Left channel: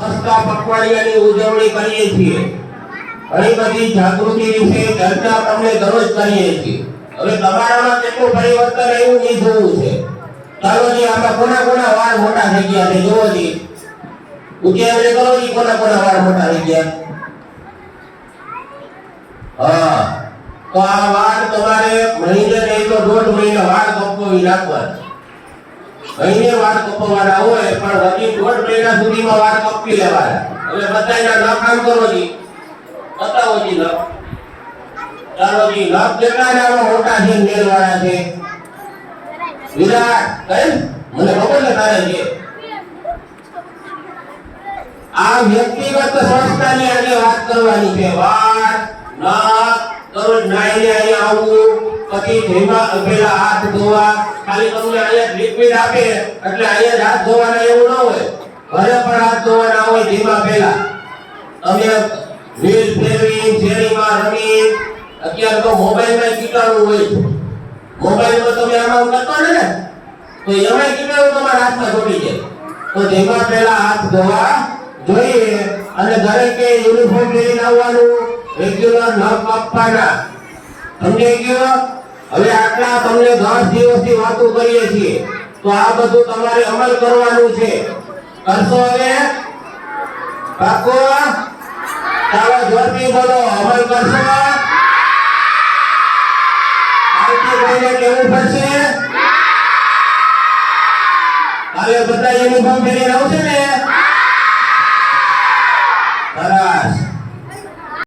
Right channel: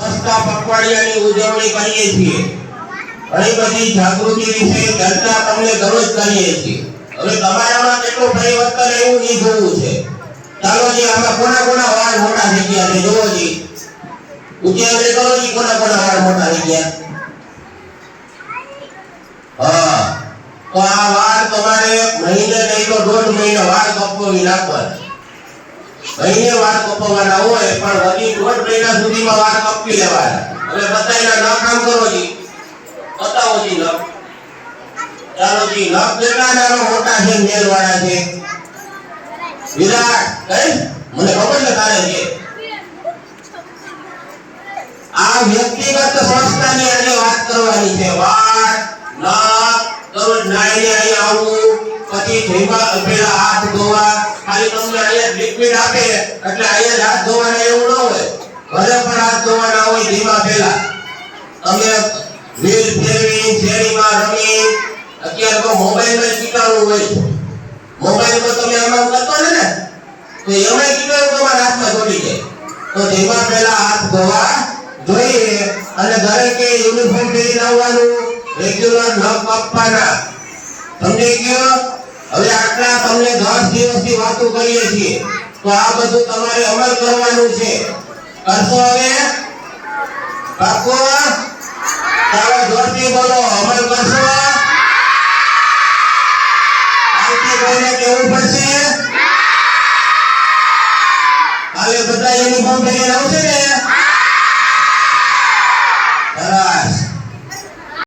સ્વચ્છતા પખવાડિયાની ઉજવણી કરીએ છીએ. ઘણી બધી જાગૃતિ વિશે ચર્ચા તમને દરરોજ કરીએ છીએ. હવે તમારામાં કેટલું પરિવર્તન આવ્યું એ જોવું છે. ચાલો જી, આમાં કોના કોના વાળ મોટા થઈ ગયા છે જોવો જી. ઊંચી આંગળી કરો જી, કોના કોના વાળ મોટા થઈ ગયા. હા, તો આ વાળ તમારે મહિને નહીં તો 1.5 મહિને વાળ કપાવી નાખવાના. મહિને વાળ કપાવવાના હોય પણ વધી 1.5 મહિના સુધીમાં વાળ કપી લેવાના. હવે બધાયના ન કામ કરો જી, બતાવો જી ન. ચાલો જી, નખ કેટલા નાના મોટા છે, મેલ વાળા છે. વિરાટ કઈ મને ખબર છે તારે છે. આ વ્યક્તિગત સ્વચ્છતાની આજે વાત કરવાની છે. વાળ, નખ, દરરોજ નાઈને અહીંયા આવવું, પછી ધીમા પેલા હાથ ધોવા. ખાલી તમને અહીંયા લિક્વિડ આપે એટલે અહીંયા હાથ ધોવાના એવું ન હોય. ઘરે પણ હાથ ધોવાના હોય ધીમા પેલા. તમે વ્હીલ ફેરવી, શેરીમાં રમી, અત્યારે તો મોબાઈલમાં કીટાણુ હોય છે. મોબાઈલમાં તમે આમાં કરતો ને તો એમાં કીટાણુ તમારા હાથમાં ચોટી જાય. તો ધીમા પેલા હાથ ધોવા જોઈએ અને દરેકે યુનિફોર્મ પહેરીને આવવાનું. રેગ્યુલર ન કાપવાના. સમજાઈ ગયો? હવે આટલા તમને 10 દિવસની વાતો કરીએ છીએ તો આ બધું તમારે અમલ કરવાનું છે. કરશો હવે? પાકો? ચાલો જોરથી બોલો, અમલ કરશો? કાલથી કોઈને કહેવું પડશે? કાલે બધા યુનિફોર્મ પહેરીને આવશે ને?